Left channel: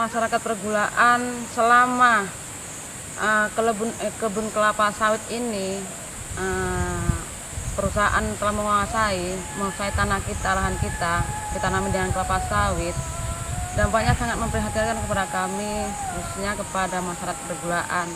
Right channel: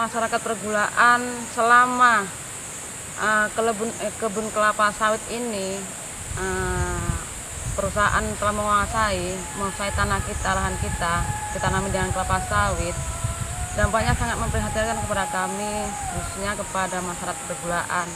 masyarakat pergulaan selama kebun kelapa sawit ini perusahaan telah menguasai tanah kita, lahan kita ditanami dengan kelapa sawit. Dampaknya sangat memprihatinkan kepada kami, khususnya kepada masyarakat pergulaan.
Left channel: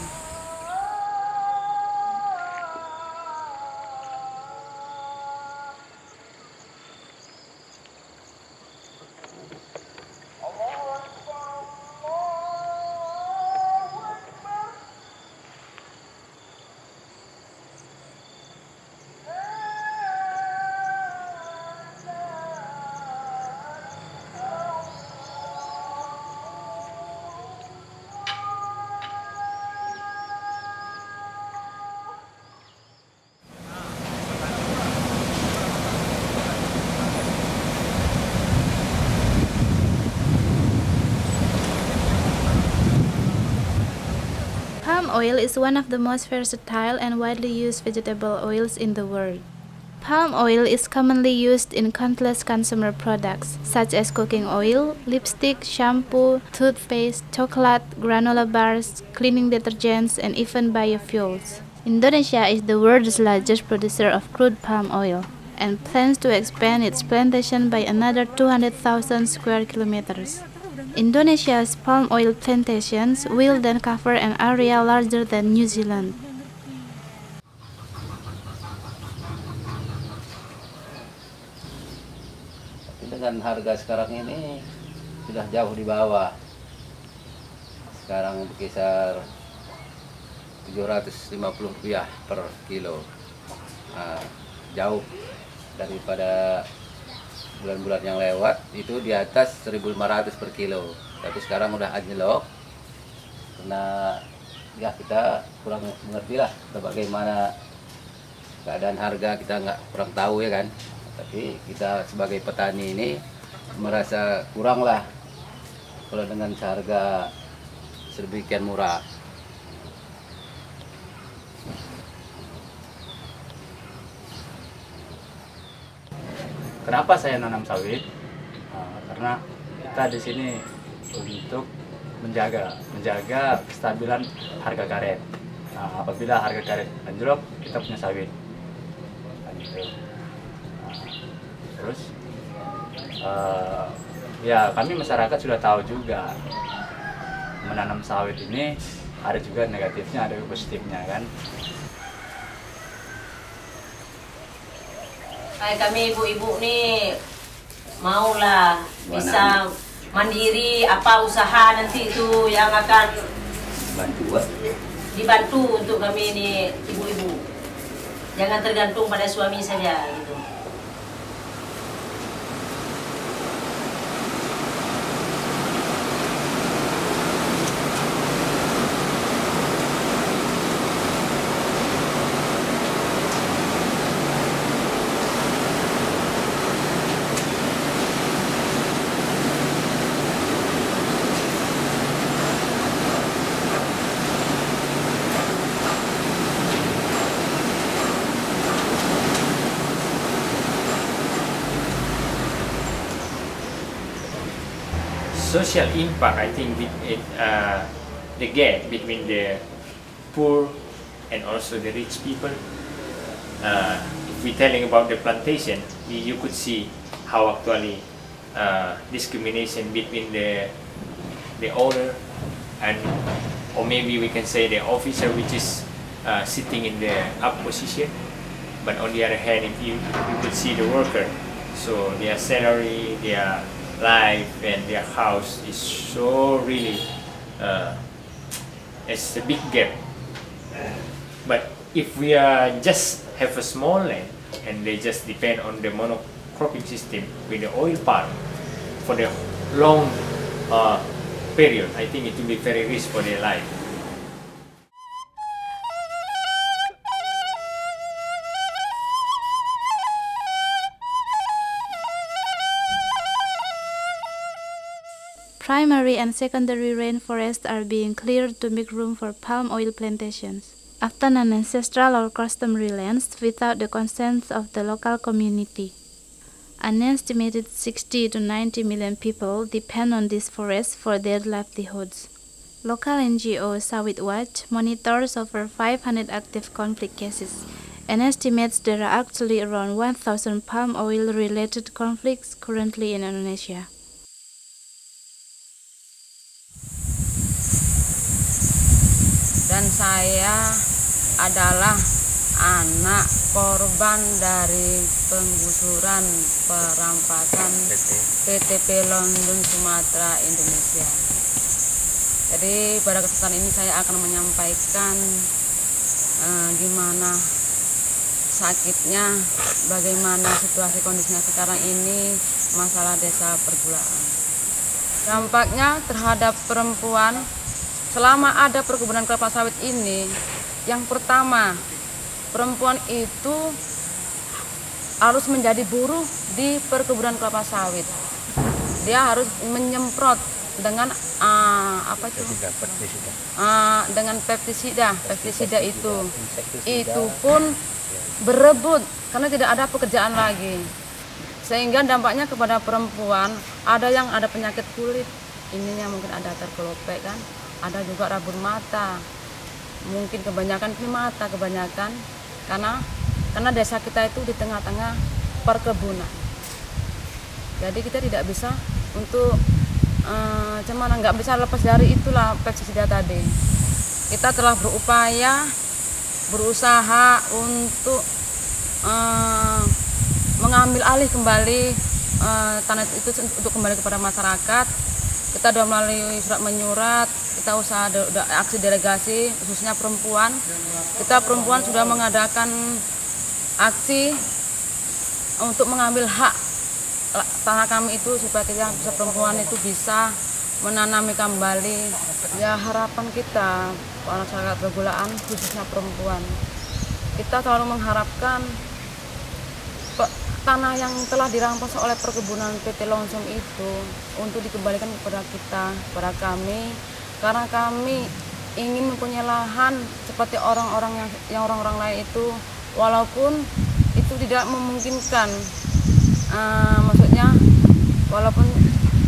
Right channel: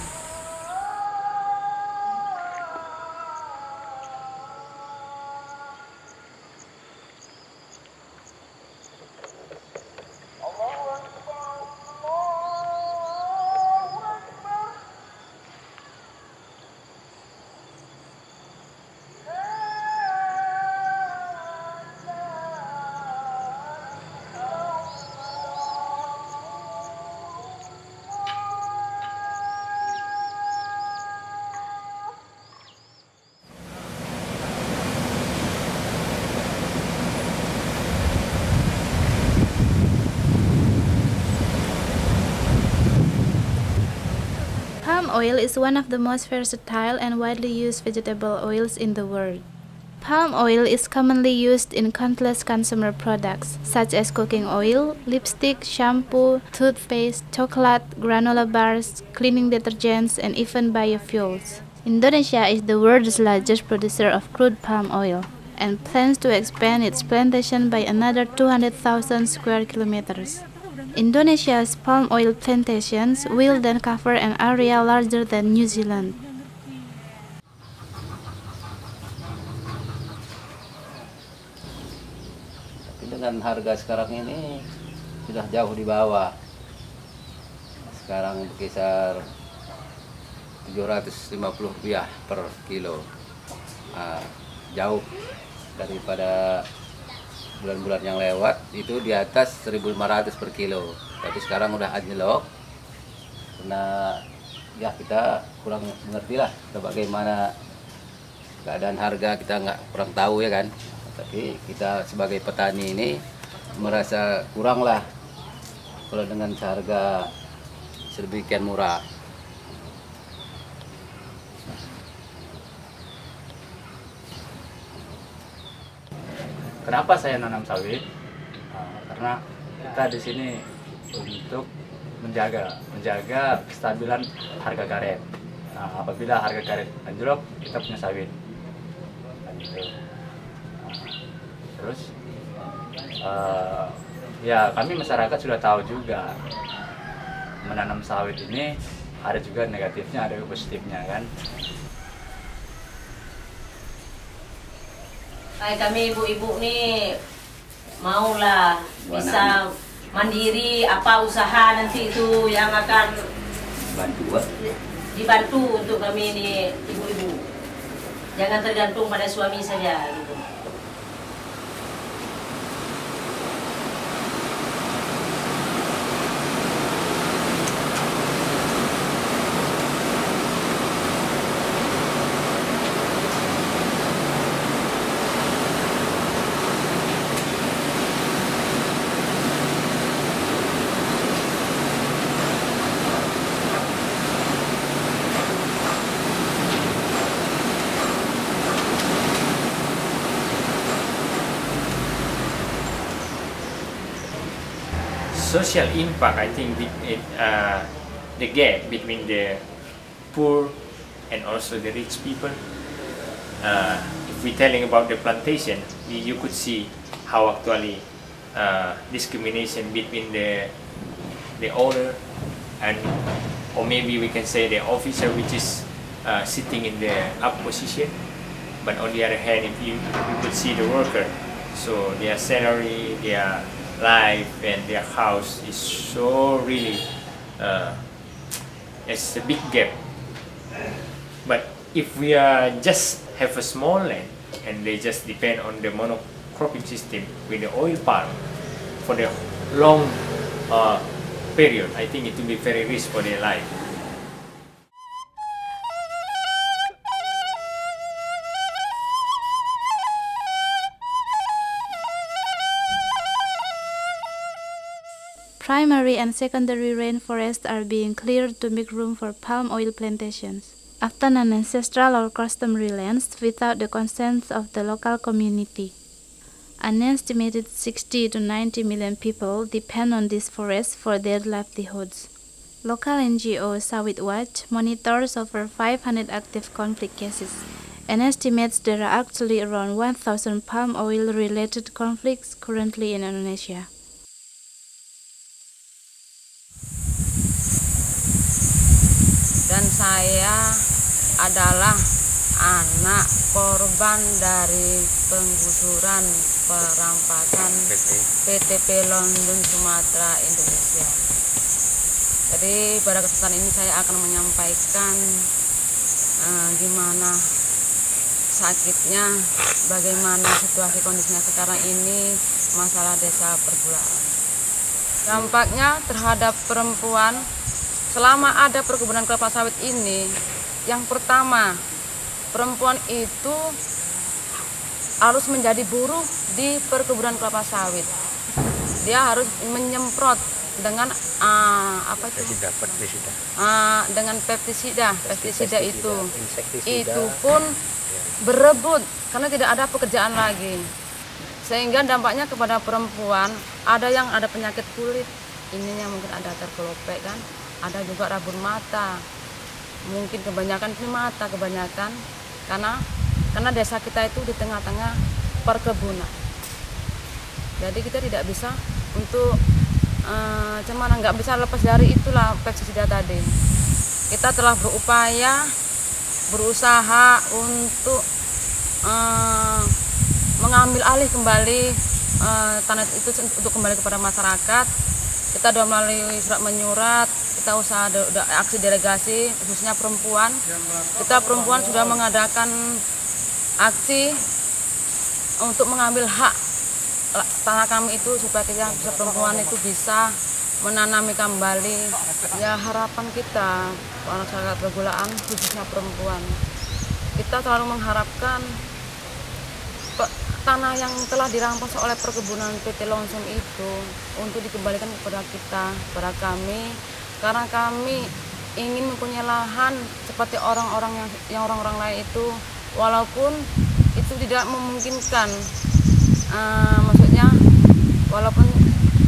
Palm oil is one of the most versatile and widely used vegetable oils in the world. Palm oil is commonly used in countless consumer products, such as cooking oil, lipstick, shampoo, toothpaste, chocolate, granola bars, cleaning detergents, and even biofuels. Indonesia is the world's largest producer of crude palm oil and plans to expand its plantation by another 200,000 square kilometers. Indonesia's palm oil plantations will then cover an area larger than New Zealand. Tapi dengan harga sekarang ini sudah jauh di bawah. Sekarang berkisar Rp750 per kilo. Jauh daripada bulan-bulan yang lewat itu di atas 1.500 per kilo, tapi sekarang udah anjlok karena ya kita kurang mengerti lah bagaimana keadaan harga, kita kurang tahu ya kan, tapi kita sebagai petani ini merasa kurang lah kalau dengan seharga sedemikian murah. Kenapa saya nanam sawit? Karena kita di sini untuk menjaga kestabilan harga karet. Apabila harga karet anjlok, kita punya sawit. Gitu. Terus, ya kami masyarakat sudah tahu juga menanam sawit ini ada juga negatifnya, ada juga positifnya kan. Kayak kami ibu-ibu nih maulah bisa mandiri, apa usaha nanti itu yang akan dibantu untuk kami ini ibu-ibu. Jangan tergantung pada suami saja gitu. Social impact, I think, the gap between the poor and also the rich people. If we're telling about the plantation, you could see how actually discrimination between the owner and, or maybe we can say the officer, which is sitting in the up position. But on the other hand, if you could see the worker, so their salary, their life and their house is so really it's a big gap. But if we just have a small land and they just depend on the monocropping system with the oil palm for the long period, I think it will be very risky for their life. Primary and secondary rainforests are being cleared to make room for palm oil plantations, often on ancestral or customary lands without the consent of the local community. An estimated 60 to 90 million people depend on this forest for their livelihoods. Local NGO Sawit Watch monitors over 500 active conflict cases and estimates there are actually around 1,000 palm oil-related conflicts currently in Indonesia. Dan saya adalah anak korban dari penggusuran perampasan PT Pelindung Sumatera Indonesia. Jadi pada kesempatan ini saya akan menyampaikan gimana sakitnya, bagaimana situasi kondisinya sekarang ini masalah desa pergulaan. Dampaknya terhadap perempuan selama ada perkebunan kelapa sawit ini, yang pertama, perempuan itu harus menjadi buruh di perkebunan kelapa sawit. Dia harus menyemprot dengan dengan pestisida itu pun berebut karena tidak ada pekerjaan lagi, sehingga dampaknya kepada perempuan ada yang ada penyakit kulit, ininya mungkin ada terkelopek kan, ada juga rabun mata, mungkin kebanyakan ini mata kebanyakan karena desa kita itu di tengah-tengah perkebunan, jadi kita tidak bisa untuk nggak bisa lepas dari itulah pestisida tadi. Kita telah berusaha untuk mengambil alih kembali tanah itu untuk kembali kepada masyarakat. Kita sudah melalui surat menyurat, kita usaha aksi delegasi khususnya perempuan. Kita perempuan sudah mengadakan aksi untuk mengambil hak tanah kami itu supaya kita bisa perempuan itu bisa menanami kembali. Ya harapan kita masyarakat pergulaan khususnya perempuan, kita selalu mengharapkan tanah yang telah dirampas oleh perkebunan PT Longsong itu untuk dikembalikan kepada kita, kepada kami, karena kami ingin mempunyai lahan seperti orang-orang yang orang-orang lain itu, walaupun itu tidak memungkinkan. Maksudnya walaupun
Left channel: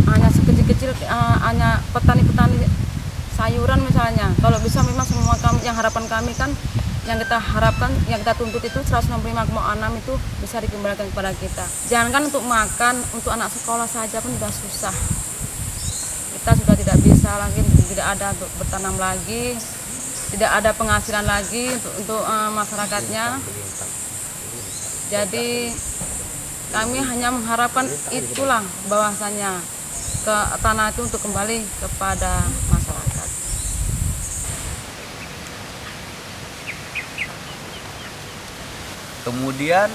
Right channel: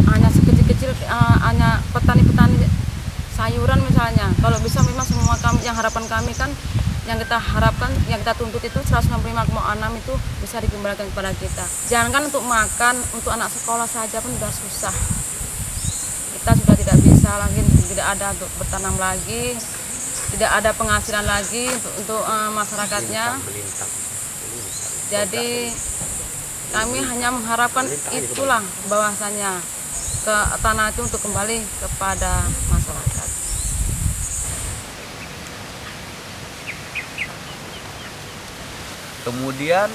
hanya sekecil-kecil, hanya petani-petani sayuran misalnya, kalau bisa memang semua kami, yang harapan kami kan, yang kita harapkan, yang kita tuntut itu 165,6 itu bisa dikembalikan kepada kita. Jangankan untuk makan, untuk anak sekolah saja pun sudah susah. Kita sudah tidak bisa lagi, tidak ada untuk bertanam lagi, tidak ada penghasilan lagi untuk masyarakatnya. Jadi kami hanya mengharapkan itulah bahwasanya ke tanah itu untuk kembali kepada masyarakat. Kemudian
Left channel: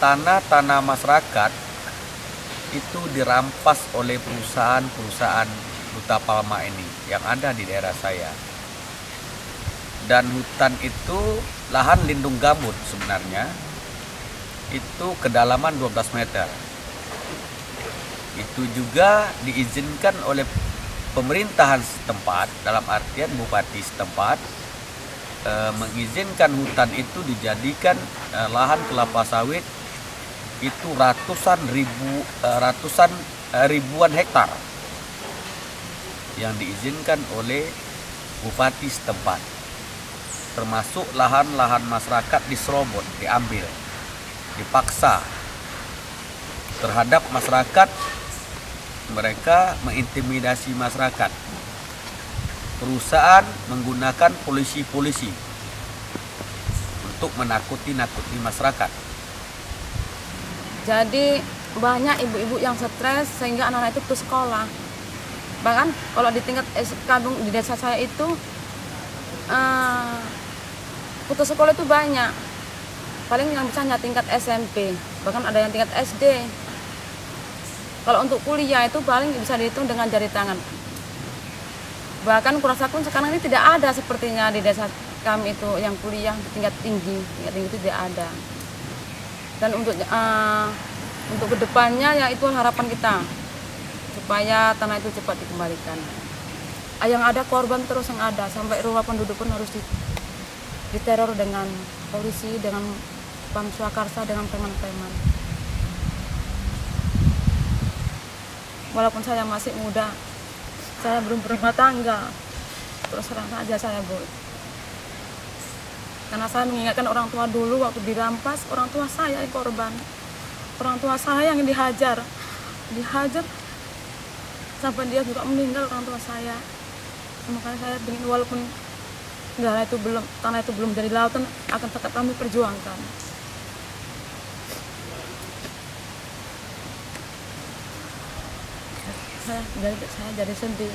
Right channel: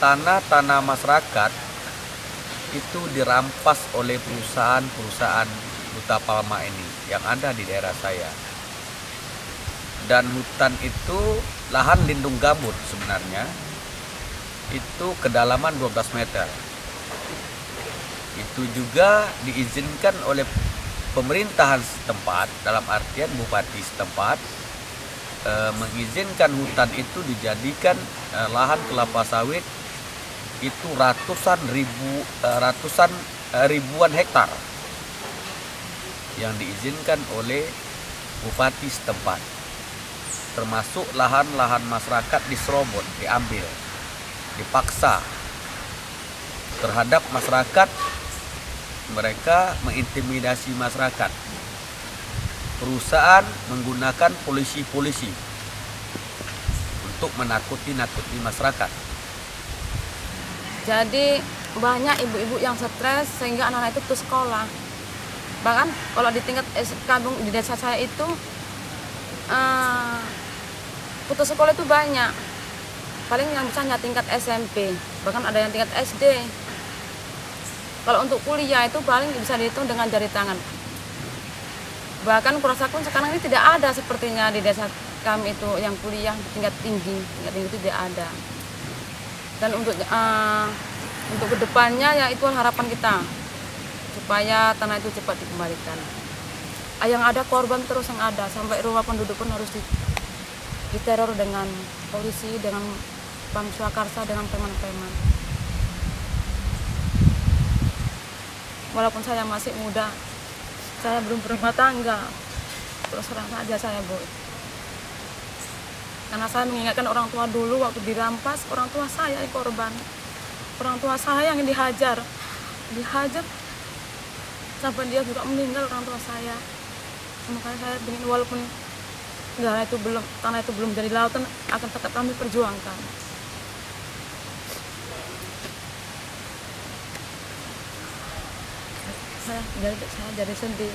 tanah-tanah masyarakat itu dirampas oleh perusahaan-perusahaan Huta Palma ini yang ada di daerah saya. Dan hutan itu lahan lindung gambut sebenarnya. Itu kedalaman 12 meter. Itu juga diizinkan oleh pemerintahan setempat, dalam artian bupati setempat, mengizinkan hutan itu dijadikan lahan kelapa sawit itu ribuan hektar yang diizinkan oleh bupati setempat, termasuk lahan-lahan masyarakat diserobot, diambil, dipaksa terhadap masyarakat. Mereka mengintimidasi masyarakat. Perusahaan menggunakan polisi-polisi untuk menakuti masyarakat. Jadi banyak ibu-ibu yang stres sehingga anak-anak itu putus sekolah. Bahkan kalau di tingkat kampung di desa saya itu putus sekolah itu banyak. Paling yang bisa hanya tingkat SMP, bahkan ada yang tingkat SD. Kalau untuk kuliah itu paling bisa dihitung dengan jari tangan. Bahkan kurasa pun sekarang ini tidak ada sepertinya di desa kami itu yang kuliah tingkat tinggi itu tidak ada. Dan untuk kedepannya ya itu harapan kita supaya tanah itu cepat dikembalikan. Yang ada korban terus yang ada, sampai rumah penduduk pun harus diteror dengan polisi, dengan Pam Swakarsa, dengan preman-preman. walaupun saya masih muda, saya belum berumah tangga, terus terang saja saya, Bu. Karena saya mengingatkan orang tua dulu waktu dirampas, orang tua saya yang korban. Orang tua saya yang dihajar sampai dia juga meninggal, orang tua saya. Makanya saya ingin walaupun tanah itu belum jadi lautan, akan tetap kami perjuangkan. Saya jadi sedih.